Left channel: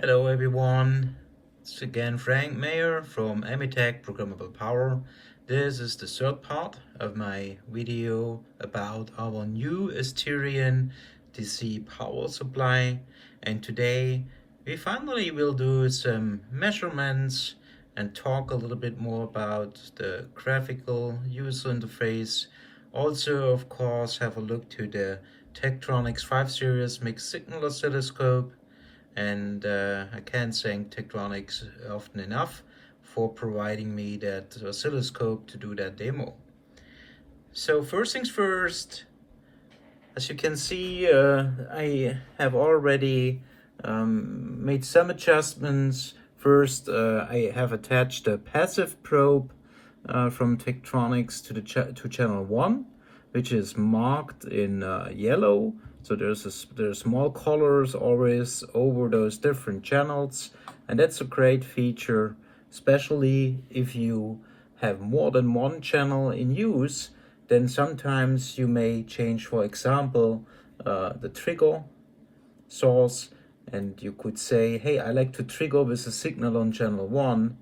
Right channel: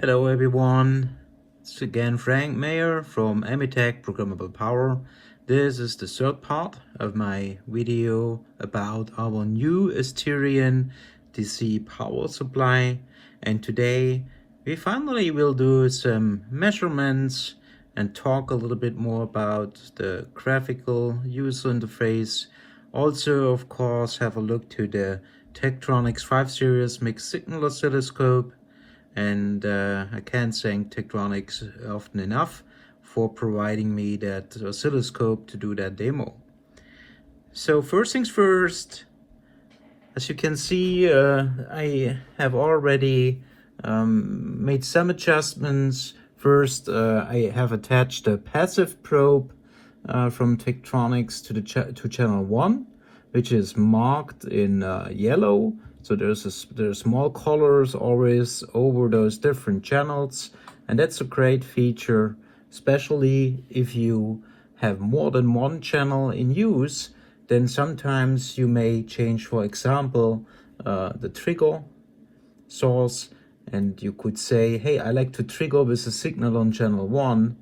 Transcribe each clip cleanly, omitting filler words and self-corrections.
Hello everyone, it's again Frank Mayer from Emitech Programmable Power. This is the third part of my video about our new Asterion DC power supply, and today we finally will do some measurements and talk a little bit more about the graphical user interface. Also, of course, have a look to the Tektronix 5 series mixed signal oscilloscope. And I can't thank Tektronix often enough for providing me that oscilloscope to do that demo. So first things first, as you can see, I have already made some adjustments. First, I have attached a passive probe from Tektronix to channel 1, which is marked in yellow. So there's small colors always over those different channels, and that's a great feature, especially if you have more than one channel in use. Then sometimes you may change, for example, the trigger source, and you could say, hey, I like to trigger with a signal on channel 1,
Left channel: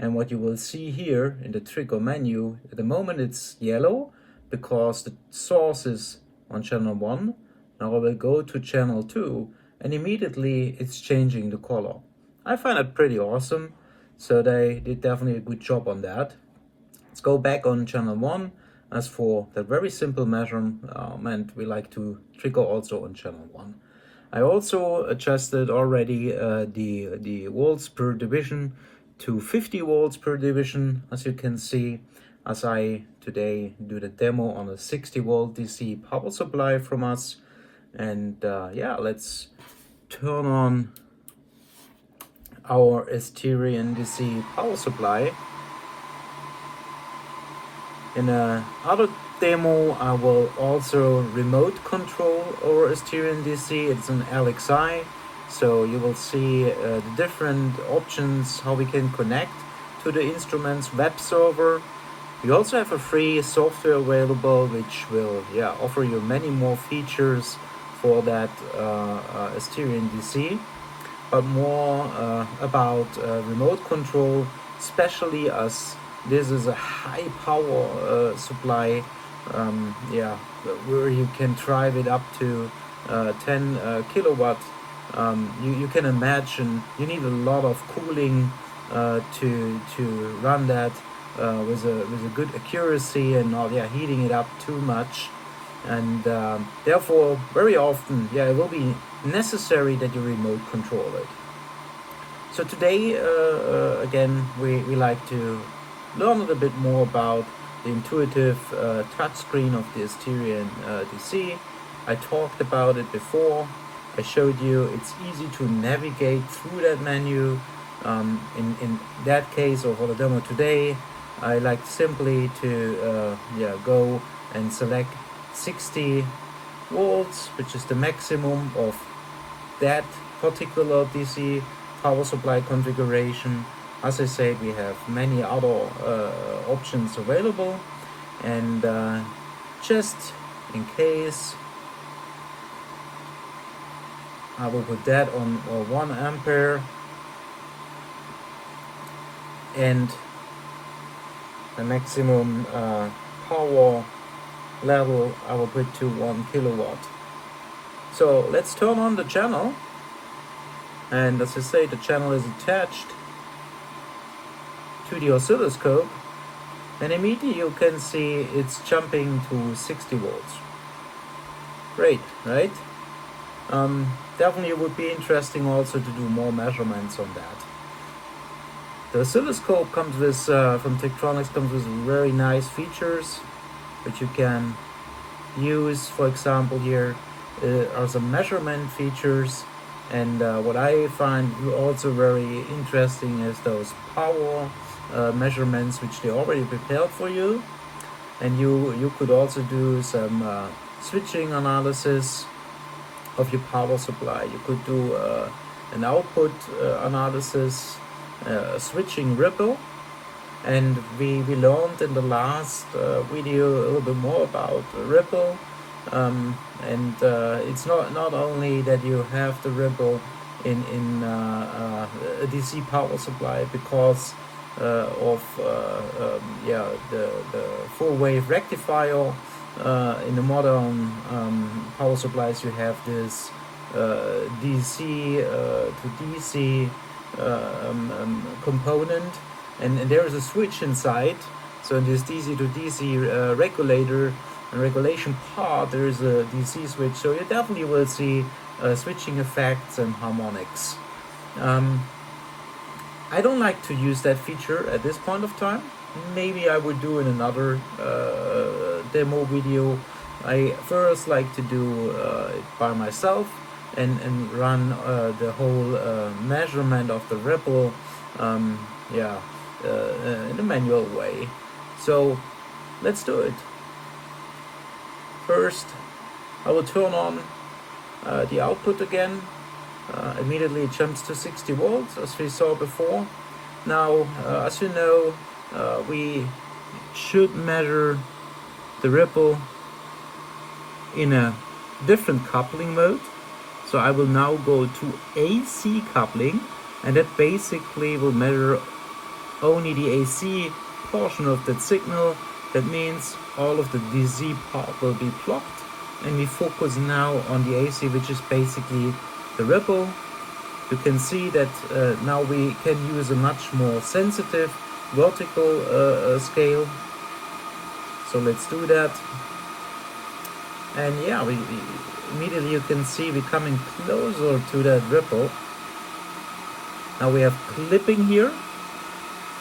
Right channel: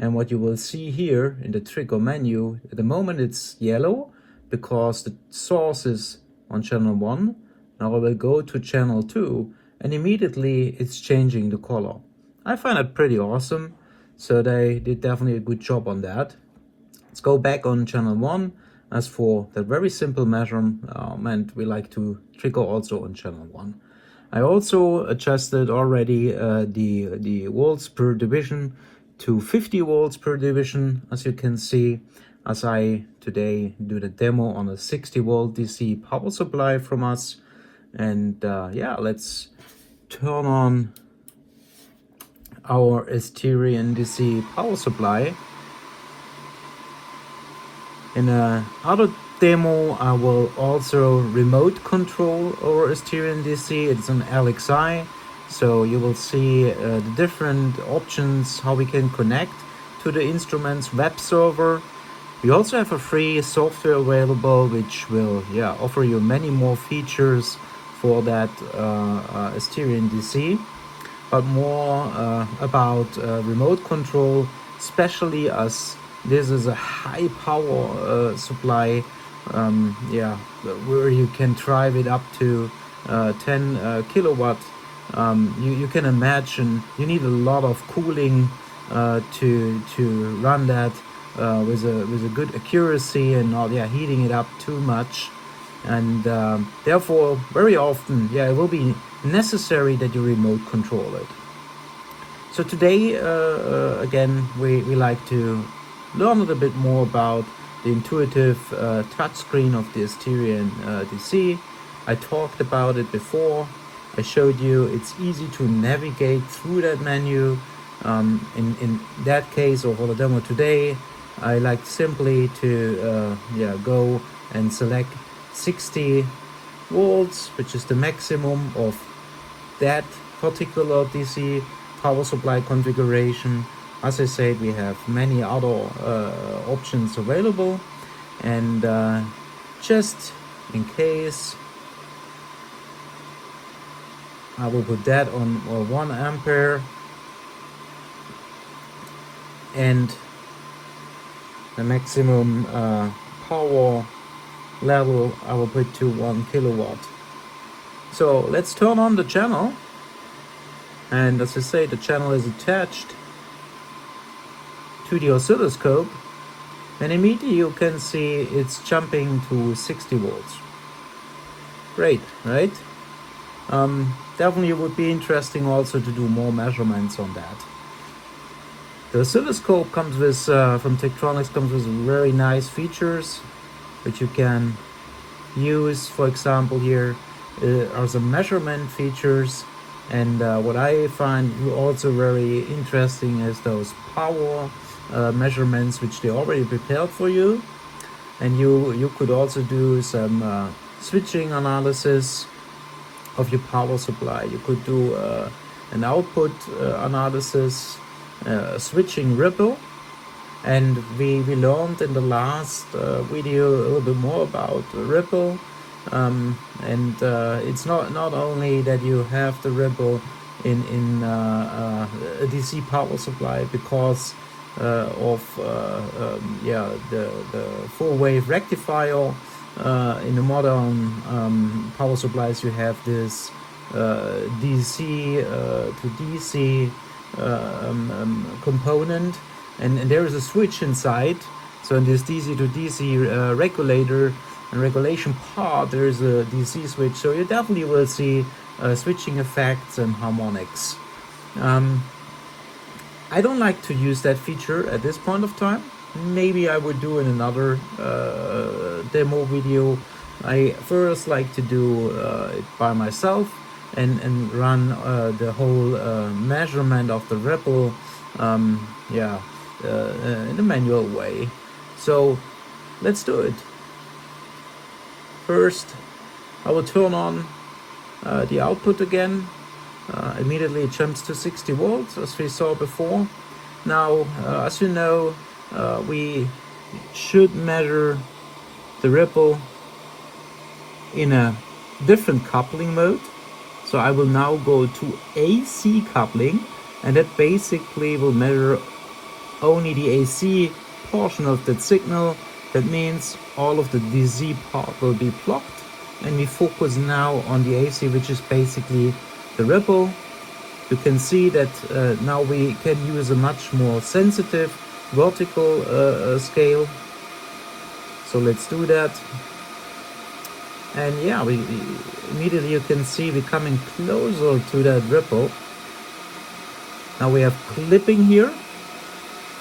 and what you will see here in the trigger menu, at the moment it's yellow because the source is on channel 1. Now I will go to channel 2 and immediately it's changing the color. I find it pretty awesome, so they did definitely a good job on that. Let's go back on channel 1. As for the very simple measurement, we like to trigger also on channel 1. I also adjusted already the volts per division to 50 volts per division, as you can see, as I today do the demo on a 60 volt DC power supply from us. And yeah, let's turn on our Asterion DC power supply. In another demo, I will also remote control our Asterion DC. It's an LXI, so you will see the different options how we can connect to the instrument's web server. We also have a free software available, which will offer you many more features for that Asterion DC, but more about remote control, especially as this is a high power supply, where you can drive it up to 10 kilowatt. You can imagine you need a lot of cooling to run that with a good accuracy and not heating it up too much. And therefore, very often, it will be necessary that you remote control it. So today, again, we like to learn a little bit more about the intuitive touchscreen of the Asterion DC. I talked about it before. I showed you it's easy to navigate through that menu. In that case, or for the demo today, I like simply to go and select 60 volts, which is the maximum of that particular DC power supply configuration. As I said, we have many other options available, and just in case, I will put that on 1 ampere, and the maximum power level I will put to 1 kilowatt. So let's turn on the channel, and as I say, the channel is attached to the oscilloscope, and immediately you can see it's jumping to 60 volts. Great, right? Definitely would be interesting also to do more measurements on that. The oscilloscope comes with, from Tektronix, comes with very nice features which you can use. For example, here are some measurement features, and what I find also very interesting is those power measurements which they already prepared for you, and you could also do some switching analysis of your power supply. You could do an output analysis, a switching ripple. And we learned in the last video a little bit more about ripple, and it's not only that you have the ripple, a DC power supply because of yeah, the full wave rectifier. In the modern power supplies, you have this DC to DC component, and there is a switch inside. So in this DC to DC regulator and regulation part, there is a DC switch. So you definitely will see switching effects and harmonics. I don't like to use that feature at this point of time. Maybe I would do in another demo video. I first like to do it by myself and run the whole measurement of the ripple yeah, in a manual way. So let's do it. First, I will turn on the output again. Immediately it jumps to 60 volts as we saw before. Now, as you know, we should measure the ripple in a different coupling mode. So I will now go to AC coupling, and that basically will measure only the AC portion of that signal. That means all of the DC part will be blocked, and we focus now on the AC, which is basically the ripple. You can see that now we can use a much more sensitive vertical scale. So let's do that. And yeah, we immediately you can see we're coming closer to that ripple. Now we have clipping here.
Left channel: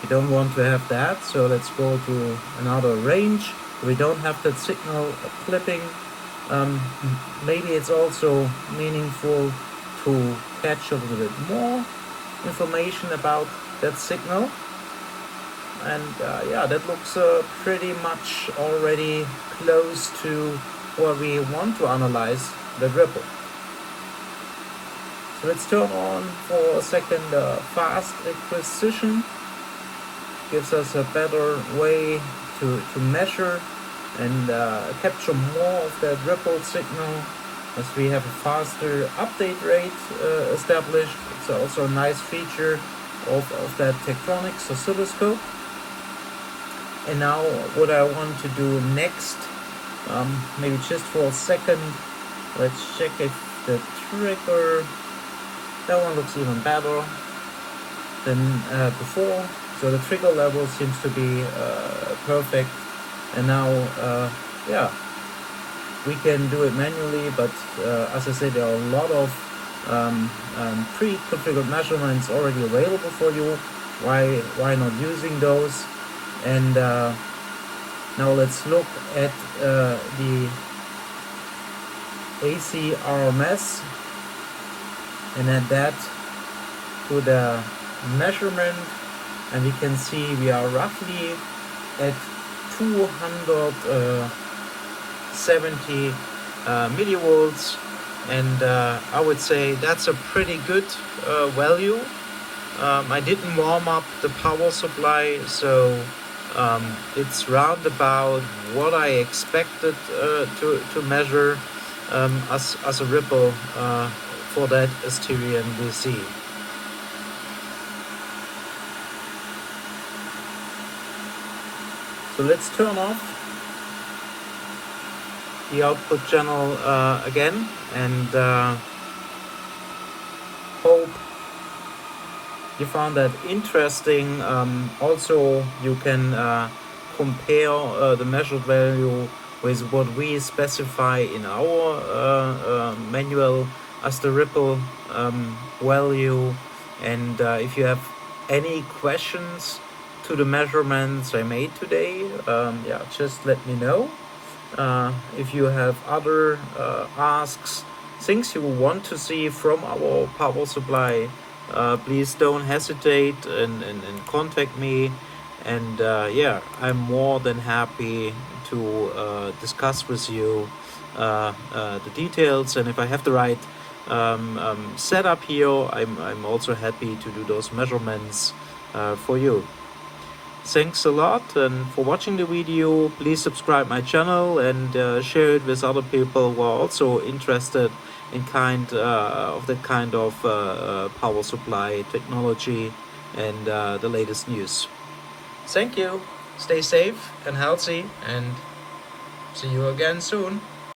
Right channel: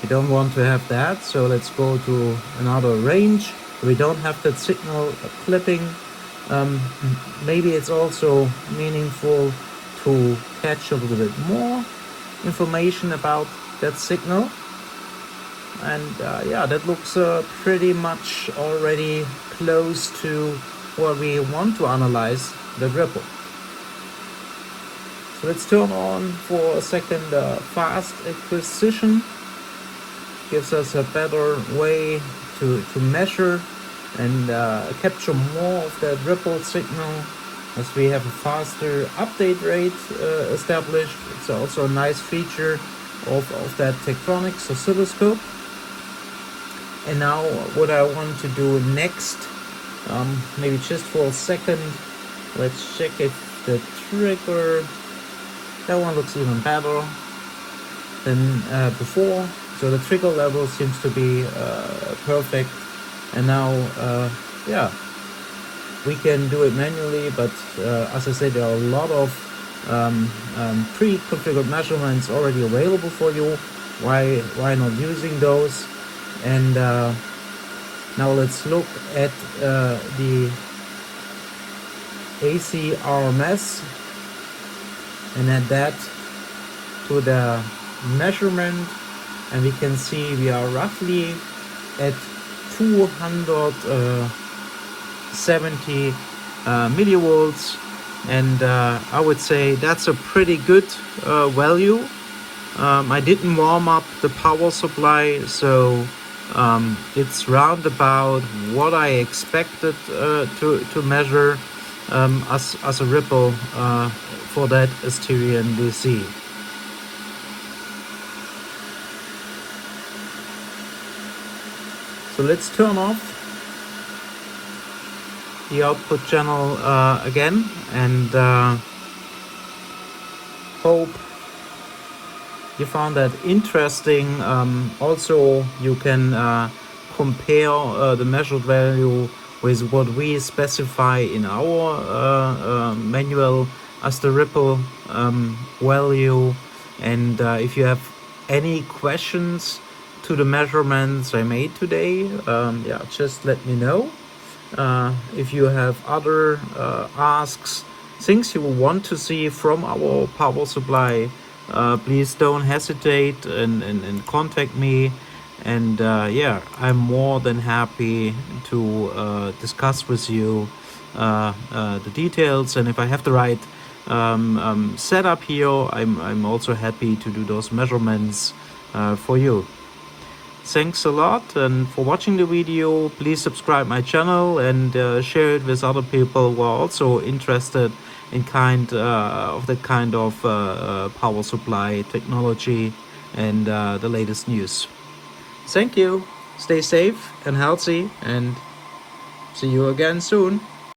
We don't want to have that, so let's go to another range. We don't have that signal clipping. Maybe it's also meaningful to catch a little bit more information about that signal. And yeah, that looks pretty much already close to what we want to analyze the ripple. So let's turn on for a second fast acquisition. Gives us a better way to measure and capture more of that ripple signal as we have a faster update rate established. It's also a nice feature of that Tektronix oscilloscope. And now what I want to do next, maybe just for a second, let's check if the trigger, that one looks even better than before. So the trigger level seems to be perfect. And now, yeah, we can do it manually, but as I said, there are a lot of pre-configured measurements already available for you. Why not using those? And now let's look at the AC RMS and add that to the measurement, and we can see we are roughly at 270 millivolts, and I would say that's a pretty good value. I didn't warm up the power supply, so it's round about what I expected to measure as a ripple for that Asterion DC. So let's turn off the output channel again, and hope you found that interesting. Also, you can compare the measured value with what we specify in our manual as the ripple value. And if you have any questions to the measurements I made today, yeah, just let me know. If you have other asks, things you want to see from our power supply, please don't hesitate and contact me. And yeah, I'm more than happy to discuss with you the details. And if I have the right setup here, I'm also happy to do those measurements for you. Thanks a lot and for watching the video. Please subscribe my channel and share it with other people who are also interested in that kind of power supply technology and the latest news. Thank you. Stay safe and healthy, and see you again soon.